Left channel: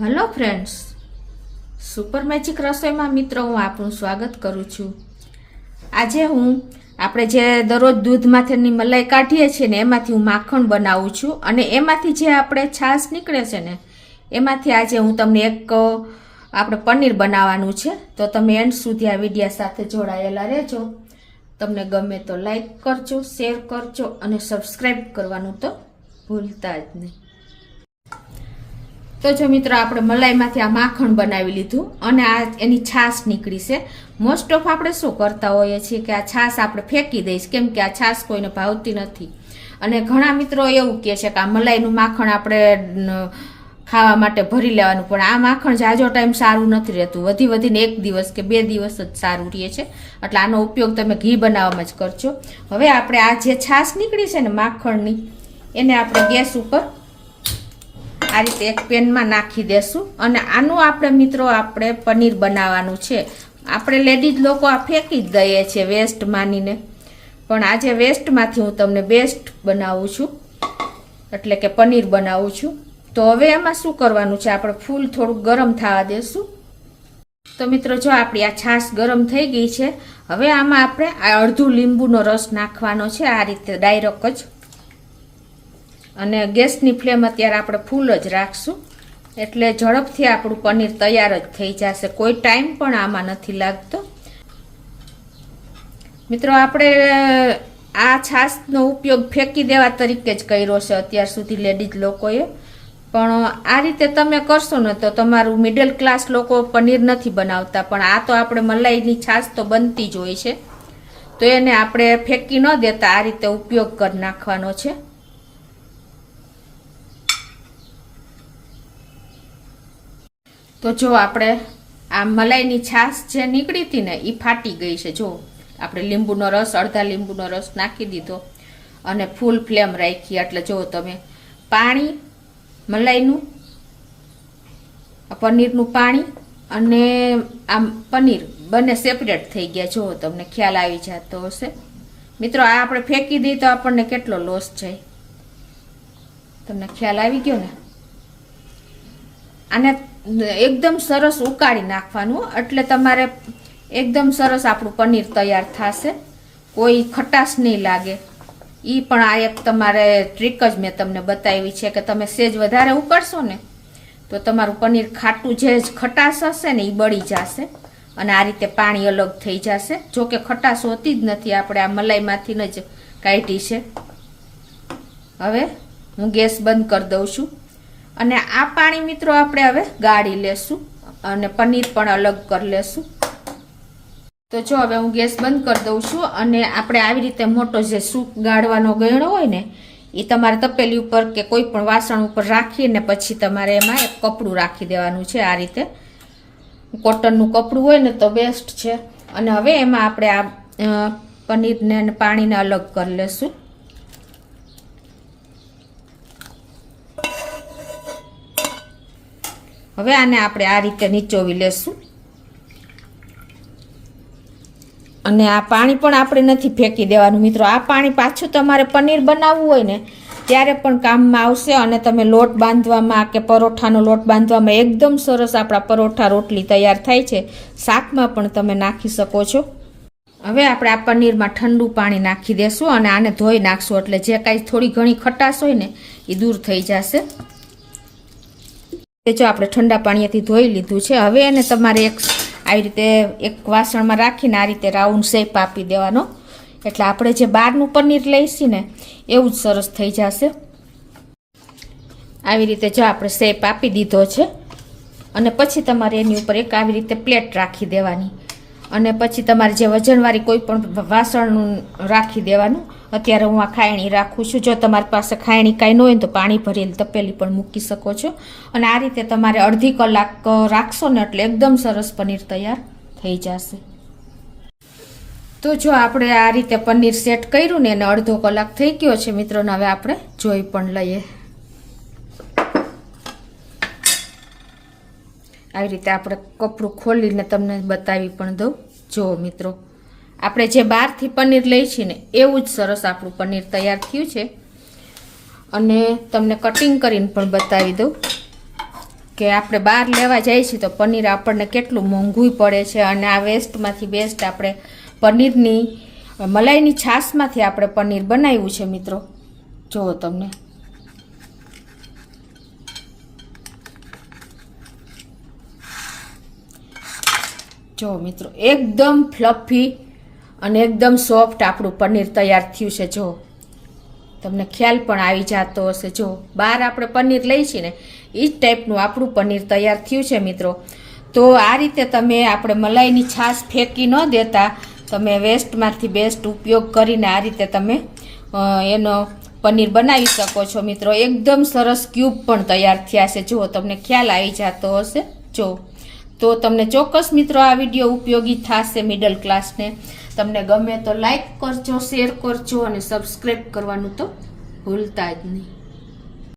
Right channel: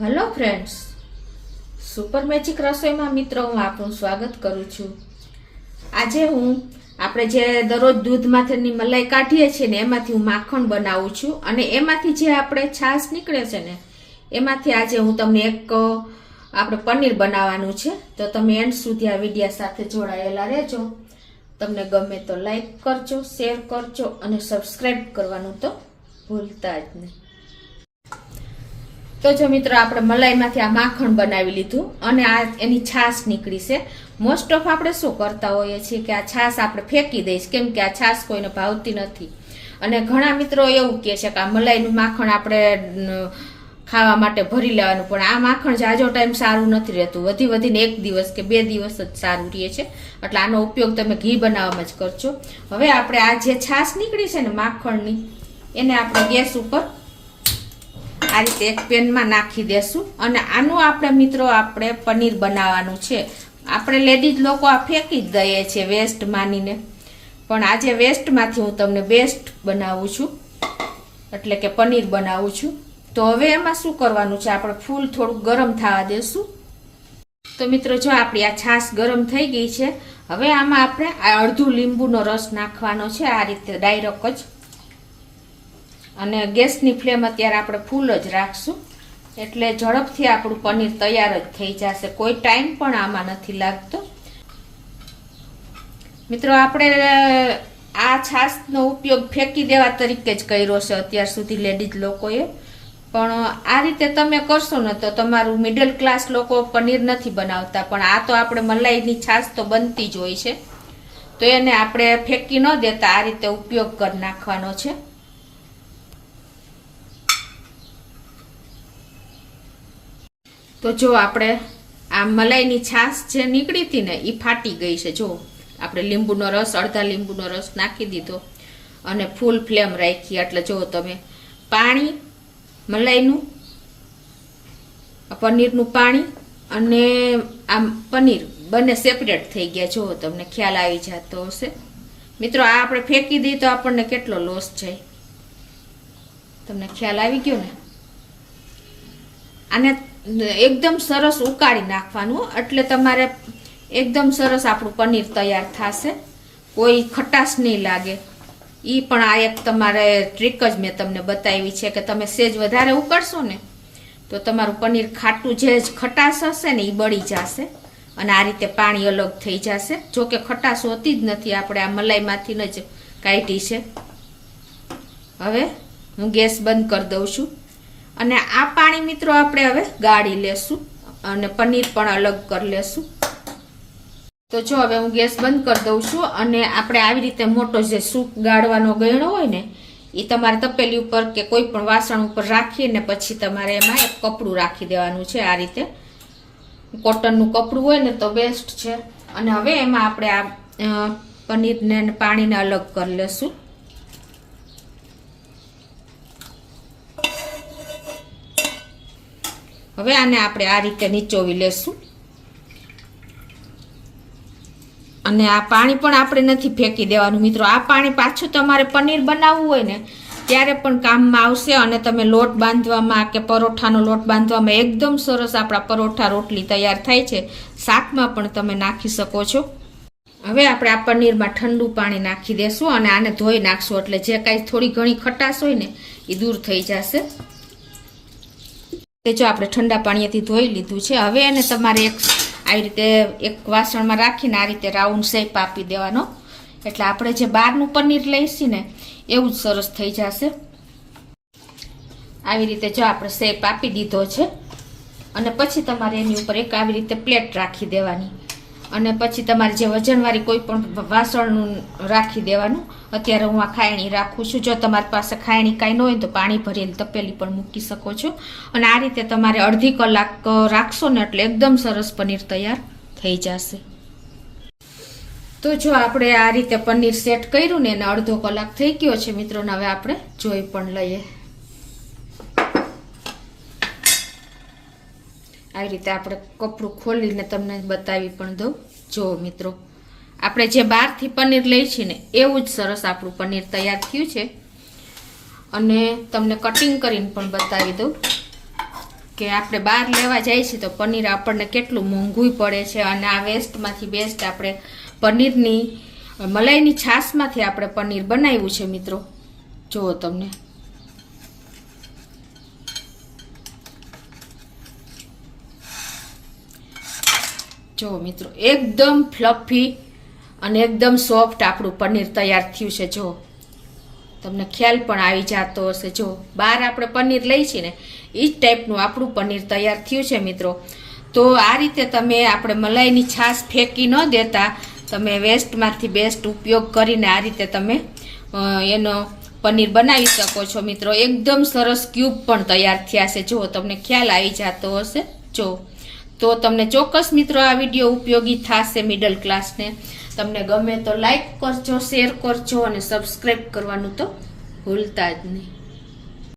Hello friends, super magic રસોઈમાં મિત્રો હું આપનું સ્વાગત કરું છું। આજે આપણે જે દરરોજ દૂધમાંથી મલાઈ કાઢીએ છીએ ને એમાંથી હું માખણ બનાવું છું અને એમાંથી જે આપણે છાશ નીકળે છે ને એમાંથી આજે હું તમને એક આપણે પનીર બનાવવાનું છે। તો તમે એન્ડ સુધી આ વિડીયો સાથે જોડાયેલા રહેજો। તમને ગમે તો લાઈક કરજો, શેર કરજો અને સબસ્ક્રાઈબ કરવાનું તો ભૂલતા જ નહીં। તો જો મિત્રો આપણે મલાઈમાંથી આ માખણ બનાવી લીધું અને આ એની છાશ નીકળી છે। મોસ્ટ ઓફ આપણે શું કરતા હોઈએ છીએ કે આ છાશ આપણે ફેંકી દઈશ, કેમ કે આ છાશ કોઈને ભાવતી નથી અને ઘણા મિત્રો એવું કહે છે કે આ મલાઈનું માખણ આપણે ખાવા માટે ભરી લેવાનું, પણ આ માખણ જાજો ટાઈમ સારું નથી રહેતું, વધીને 1 દિવસ કે 2 દિવસ જ સારું રહે છે, એટલે આનો ઉપયોગ તમે ઘી બનાવવામાં જ કરજો। હવે આપણે આ જે છાશ નીકળી છે ને માખણની એને આપણે ગેસ ઉપર આ રીતે એક પેનમાં નાખી દેશું અને આનું આપણે મિત્રો આપણે પનીર બનાવવાનું છે। આપણે લેડીઝ લોકો આ ફેંકી જ દઈએ છીએ વેસ્ટ માનીને, પણ આજે વેસ્ટમાંથી હું તમને બેસ્ટ બનાવું છું, એટલે કે પનીર બનાવું છું। તો હવે એમાં શું કરવાનું છે, આપણે ફૂલ થોડુંક ગરમ થવા દેશું। તો મિત્રો જો આપણી આ છાશ ગરમ થઈ ગઈ છે, હવે આમાં આપણે આ અડધું લીંબુનો રસ નાખવાનો છે આ રીતે ડાયરેક્ટ જ, અને ગેસની ફ્લેમ અત્યારે આપણે ફૂલ જ રાખશું, એટલે ઝડપથી આપણું પનીર તૈયાર જ થઈ જશે, કોઈ ટાઈમ પણ આમાં નથી લાગતો। મિત્રો આપણે આ છાશનો ઉપયોગ ફેંકી દેવા તરીકે જ કર્યો છે અત્યાર સુધી લેડીઝ લોકોએ, પણ આ રીતે તમે કરશો ને તો તમારું મિડલ ક્લાસ લોકો પનીર નથી બનાવતા, પણ આ તો આપણે મલાઈની છાશ તો બનતી જ હોય છે, તો એને આપણે ફેંકી ન દેતા આ રીતે ઉપયોગ કરી નાખવાનો છે। તો જો આપણે આ મલાઈની છાશ જે નીકળી હતી ને એ ફાટી ગઈ છે। જો આપણે લીંબુનો રસ, અડધા લીંબુનો રસ નાખી દીધો અને ફૂલ ફ્લેમ રાખી, એટલે જો તમે પાણી, મલાઈનું, પનીરનું પાણી અને આમ પનીર બંને સેપરેટ થઈ ગયા, જો તમને ખ્યાલ આવી જતો હશે। મિત્રો આ આપણે ફેંકી દઈએ તો આપણને કેટલો લોસ જાય, તમને ખ્યાલ આવી ગયો ને। આને એકદમ સરસ ઉકાળી નાખવાનું, એટલે તમારે એકદમ સરસ આપણું પનીર તૈયાર થશે, કોઈ ખટાશ નહીં લાગે। એ પણ આ એક તમારે ટ્રીક જ મેં તમને બતાવી છે કે તમે સેજ વધારે ઉકાળશો ને તો તમારું પનીર ખાટું, જે ખટાશ હશે ને એ બળી જશે અને આ રીતે પાણી અલગ થઈ જશે। જો કે ખટાશ હોતી જ નથી, આપણે આ મલાઈમાંથી જ કાઢી છે। હવે હું ગેસ બંધ કરી દઉં છું અને આ પાણી મિત્રો આપણે હવે ગાળી લેશું અને પનીર પણ અલગ કરી લેશું। તો જો હવે હું ગેસ બંધ કરી દઉં છું અને આપણે આવી રીતે મોટો જે સૂપ ગાળવાનો ગયણો હોય ને એ તમારે તપેલી ઉપર કે કોઈ પણ વાસણ ઉપર રાખીને પછી તમારે એમાં એક કપડું રાખી દેવાનું છે, આ રીતે કોટનનું કપડું હોય ને તો બેસ્ટ છે। અને હવે એમાં આપણે આ પનીરને અને પાણીને અલગ કરી લેશું। હવે આને આપણે આ રીતે નીચોવી લેશું અને આ પાણી પણ આપણે નથી ફેંકી દેવાનું મિત્રો, આ પાણી પાછું તમારે પનીર બનાવવું હોય ને ત્યારે પણ કામમાં આવશે અને તમે લોટ બાંધવામાં કે પરોઠાનો લોટ બાંધવામાં એકદમ સરસ આપણા પરોઠા રોટલી તૈયાર થાય છે, શાકમાં પણ તમે નાખી શકો છો। હવે આપણે આ પનીરમાં ઠંડુ પાણી નાખી દેશું અને આને ધોઈ નાખશું, એટલે જે કાંઈ થોડી ઘણી ખટાશ હોય ને એ દૂર થઈ જશે। જો આપણે ઠંડા પાણીથી ધોઈ લીધું છે, હવે એને તમારે આવી રીતે એક વાસણમાં રાખીને આ રીતે રાઉન્ડ શેપ આપી દેવાનો, એટલે આપણે જે બહારનું પનીર લઈશું ને એવું જ સરસ થઈ જશે। આવી રીતે જો આપણે શેપ આપી દીધો છે અને પછી તમારે એની ઉપર એક આવી રીતે પ્લેટ રાખી દેવાની અને પછી તમારે જે વજનવાળી કોઈ પણ વાસણ રાખી દેવાનું। અત્યારે હું આ ખાયણી રાખું છું, જો તમારી પાસે ખાયણી કાંઈ ન હોય તો પાણી ભરેલી તપેલી પણ મૂકી શકો છો અને આ રીતે તમારે અડધી કલાક રાખશો ને એટલે એકદમ સરસ પનીર તૈયાર થઈ જશે। તો જો આપણે આ રીતે પનીર સેટ કર્યું ને એને અડધો કલાક થઈ ગયો છે મિત્રોને, હવે આપણે જોઈ પણ લઈએ। આવી રીતે આપણે કપડું ખોલીને તમને બતાવી પણ દઉં। જો મિત્રો આપણે જે બહારથી પનીર લઈ છીએ ને એવું જ સરસ આપણું પનીર તૈયાર થયું છે અને તમને કટિંગ કરીને પણ બતાવી દઉં કે આપણે બહાર લેવા જઈએ છીએ તો પનીર આપણને કેટલું મોંઘું પડે છે, અને આ વેસ્ટમાંથી બેસ્ટ આપણે પનીરની મલાઈની છાશમાંથી આપણે પનીર બનાવ્યું છે મિત્રો. જુઓ તમને જો મિત્રો એકદમ ફ્લફી અને એકદમ સોફ્ટ આપણું પનીર તૈયાર થયું છે. જો તમને ખ્યાલ પણ આવી જતો હશે. જો બહાર આપણે પનીર લઈ છીએ ને એ જ ટાઈપનું આપણું પનીર તૈયાર થયું છે મિત્રો. તો આ રીતે તમે આપણે મલાઈની છાશ ફેંકી ન દેતા, તમે વેસ્ટમાંથી બેસ્ટ ઉપયોગ કરીને આ રીતે તમે એનો પનીર બનાવી શકો છો મિત્રો. એકદમ સરસ ક્યુબ પણ તૈયાર થયા છે. જો તમને ખ્યાલ આવી જતો હશે. જો તો તમને ચોક્કસ મિત્રો આ વિડીયો ઉપયોગી થશે મિડલ ક્લાસને. તમને ગમે તો લાઈક કરજો, શેર કરજો અને સબસ્ક્રાઈબ કરવાનું તો ભૂલતા જ નહીં.